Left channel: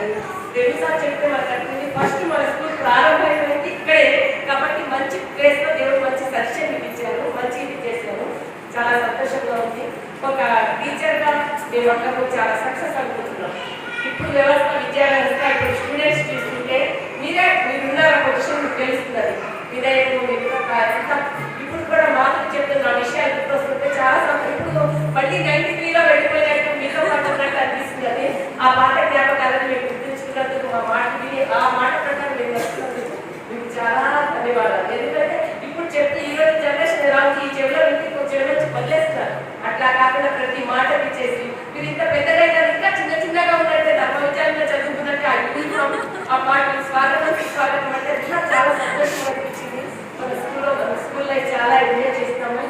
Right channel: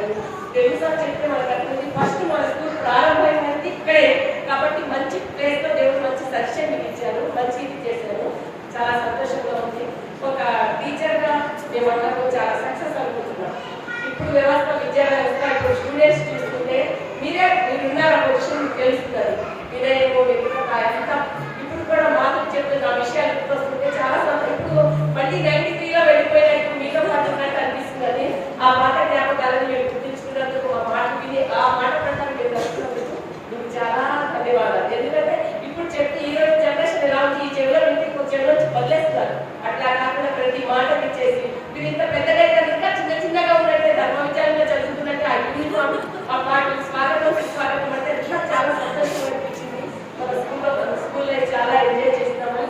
కానీ తెలుసా చెప్తే మనకు అర్థం ఫస్ట్ మన స్కూల్ ప్రారంభమైంది ఇక్కడే కాబట్టి మంచి ప్లేస్లో దేవుడు మంచి సజెషన్ ఇచ్చారు, మంచి ఇది చేశారు. చాలా సంతోషంగా ఉంది. ఒక టీచర్గా మేమందరూ చాలా సక్సెస్ అనుకుంటున్నాం. ఇప్పుడు వ్యవస్థ విద్యా వ్యవస్థ ఇప్పుడు స్టూడెంట్స్ చూస్తుంటే మీరున్నారు ఒక విషయం మీకు తెలుస్తున్నారు. వినయము మీరు అంతా ఇప్పుడు కూడా మాటలు చెప్తున్న ఆ విషయాలు ఇప్పుడు వస్తుంటే చాలా ఇప్పుడు మళ్ళీ 93లో వెళ్ళిపోయినట్టు మీతో పాటున్నట్టు అనిపిస్తుంది. ఆ మాట జ్ఞాపకాలను మేము గుర్తుంచుకున్నందుకు మా మాట విని ఆ మాట ప్రకారం మేము నడుస్తున్నందుకు మీకు చాలా ధన్యవాదాలు. ఎందుకంటే ఇప్పుడు చెప్తే ఈరోజు జనరేషన్ ఎలా ఉంది, ఈ చెవిలో ఇంటికి చెవిలో వదిలేస్తున్నారు. అట్లా కాకుండా ప్రతి మాట ఇచ్చేసి మీరు ఇంత పెద్దగా ఇంకా చిన్న చిన్నగా ఉన్నట్టే ధర్మ విద్యాలయంలో చదువుకున్నట్టే ఆ పాటలు స్వాగతం అంటే చాలా సంతోషంగా అనిపించింది. మన స్కూల్లో చాలా ఎంజాయ్ చేస్తాము.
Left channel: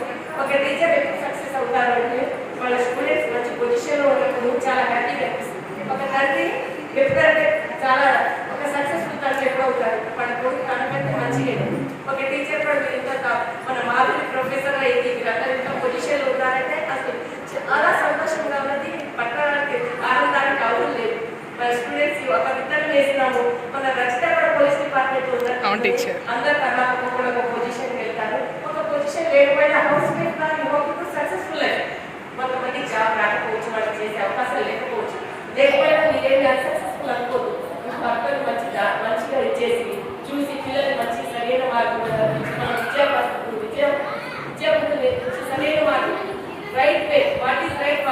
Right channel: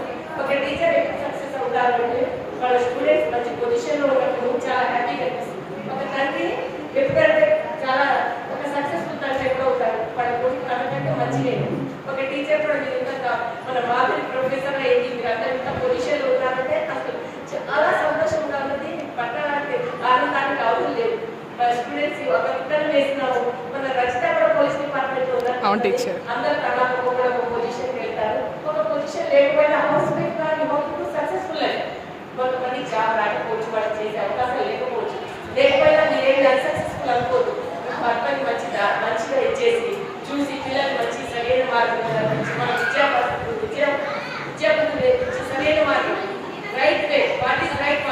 ఒక టీచర్ ఎప్పుడు సక్సెస్ అవుతారంటే వాళ్ళ స్టూడెంట్స్ మంచి పొజిషన్లో ఉన్నప్పుడు చాలా హ్యాపీగా అనిపిస్తుంది. ఒక తండ్రి ఎప్పుడంటే చాలా ఒక సక్సెస్ఫుల్ తండ్రి ఎప్పుడు అవుతారు, వాళ్ళ కొడుకు తనకంటే మంచిగా. ఒక టీచర్ కూడా మీరు ఇంత మన మాధురి ప్రొఫెసర్ అయ్యింది, మీరు అందరూ ఇంత పొజిషన్లో ఉన్నారంటే అసలు చాలా సంతోషంగా ఉన్నది. పట్టడానికి ఆనందానికి అవసరం లేదు. స్టూడెంట్స్ ఒక విత్తనం వేసినాము. మన రచిత కూడా పోలీస్ డిపార్ట్మెంట్ ఉన్నారు, అందరూ తర్వాత ఒక పొజిషన్ వెళ్తారు. ఒక పొజిషన్ లేకపోయినా హౌస్ వైఫ్ కానీ ఇప్పుడు సక్సెస్ఫుల్ అయ్యి కొంతమంది జాబ్ రాకపోవచ్చు, వాళ్ళు చేసే అవకాశాలు లేకపోవచ్చు. లేకపోయినా మీరేమి అన్సక్సెస్ఫుల్ అనుకోదు. భర్తని మంచిగా ఇచ్చేసి చూసి పిల్లలు మంచి సరైన మార్గం విద్యాబుద్ధులు సరైన మార్గం right way what is right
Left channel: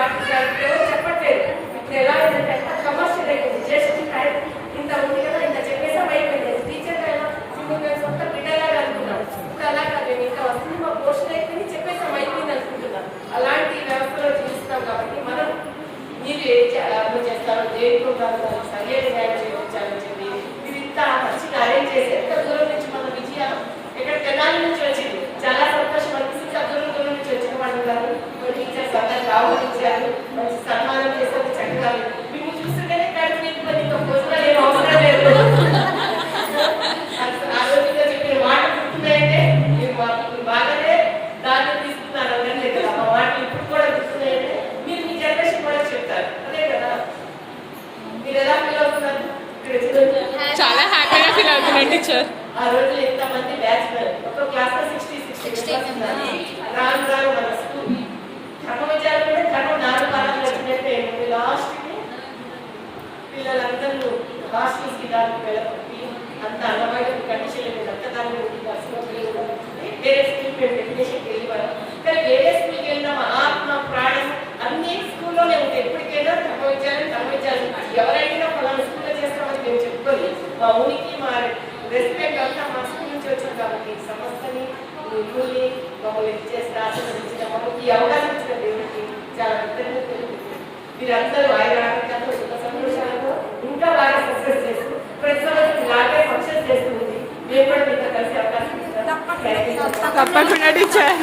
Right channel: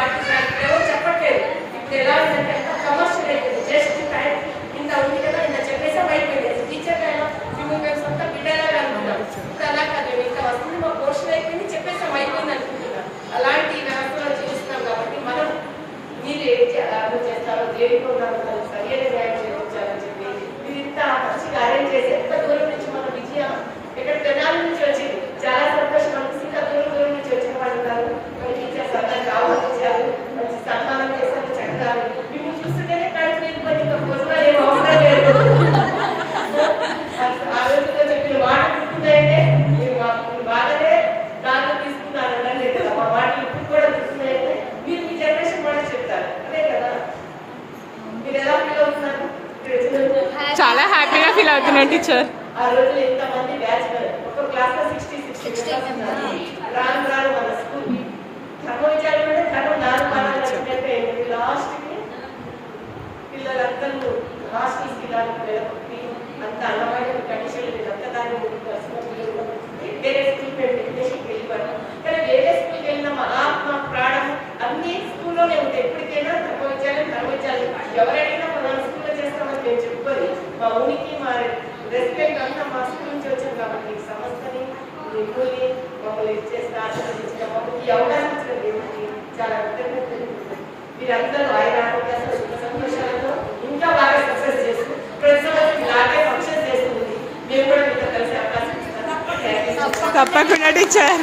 ఎవరు చెప్పట్లేదు. ఇప్పుడు ఎలా ఉందంటే కమర్షియల్ అయిపోయింది. జస్ట్ టైం ఇంత ఉంది కదా ఇంత చెప్పేసా అయిపోయింది. టీచర్ అయినా మేము సొంత బిడ్డలాగా అనుకున్నాం. ఇప్పుడు అలా కాదు, ఇంకా వస్తుంది మా పోర్షన్ అయిపోయింది చెప్పేసాం అయిపోయింది అనుకుంటున్నాం. అలాంటి వ్యవస్థలో చూస్తున్నాం కాబట్టి మనం మీరు ఏం చేస్తారో దేనికుంటారో సరైన న్యాయం చేయించాలని చెప్పి మీరు ఇంత మంచిగా అరేంజ్ చేసి ఎంత దూరం నుంచి మన విజయం ఇక్కడ తెనాలి నుంచి వచ్చింది. చాలా సంతోషం అనిపిస్తుంది. ఇంకా దూరం నుంచి వచ్చిన వాళ్ళు కాదు టీచర్స్ అందరికి ఆహ్వానించారు, మంచి సన్మానం చేశారు. చక్కగా మేము చూస్తుంటేనే కడుపు నింపుకొని ఇంకా భోజనాలు ఏమో అవసరం లేదు. ఆ రోజుల్లో చెప్పిన మాట గుర్తున్నాయంటే మీరు బాగానే దాన్ని తీసుకున్నారు అనే కదా. మా మాటలు ఇప్పుడు కూడా గుర్తున్నాయంటే మీరు మీ జనరేషన్ కూడా చెప్తారు అదే కదా. మీరు ఎలా ఫీల్ అవుతున్నారు? చాలా హ్యాపీగా ఫీల్ అవుతున్నాను టీచర్. ఆ రోజులు ఎంతమంది బ్యాచ్ ఒక క్లాస్ లో 60 రాను రాను మన స్కూల్ ధర్మ విద్యాలయం ధర్మం 4 వారాలు వచ్చినట్టే లాస్ట్ కి పిల్లలందరూ హాస్టల్స్ కి దానికి వెళ్ళి అంత అన్నమైన కండిషన్ అంత దాన్ని వేరే స్కూల్ ఎడ్యుకేషన్కి వెళ్ళిపోయారు. కానీ వేరే స్కూల్కి వెళ్ళిన మా ఆత్మ ప్రాణం అన్ని స్కూల్లోనే ఉంటాయి. ఎప్పటికైనా ధర్మ విద్యాలయం ఎవరైనా ఫలానా స్కూల్లో చేస్తామని మేము చెప్పుకొని మా ఊరికి మా రెస్పెక్ట్ అంతా మా స్కూల్ నుంచి వచ్చాం కాబట్టి సంస్థని మిమ్మల్ని మమ్మల్ని చేస్తే ఆశీర్వదించిన మమ్మల్ని ఈ అవకాశం ఇచ్చిన దేవుడికి చాలా కృతజ్ఞతలు. మీరందరూ ఆయన ఆరోగ్యాలతో సుఖ సంతోషాలతో ఇంకా బాగా సక్సెస్ చేస్తూ ప్రతి సంవత్సరం ఇలాగే ఫంక్షన్ చేస్తుంది. మేము కూడా మీతో కలిసి అవకాశం ఇస్తాం. తప్పకుండా టీచర్.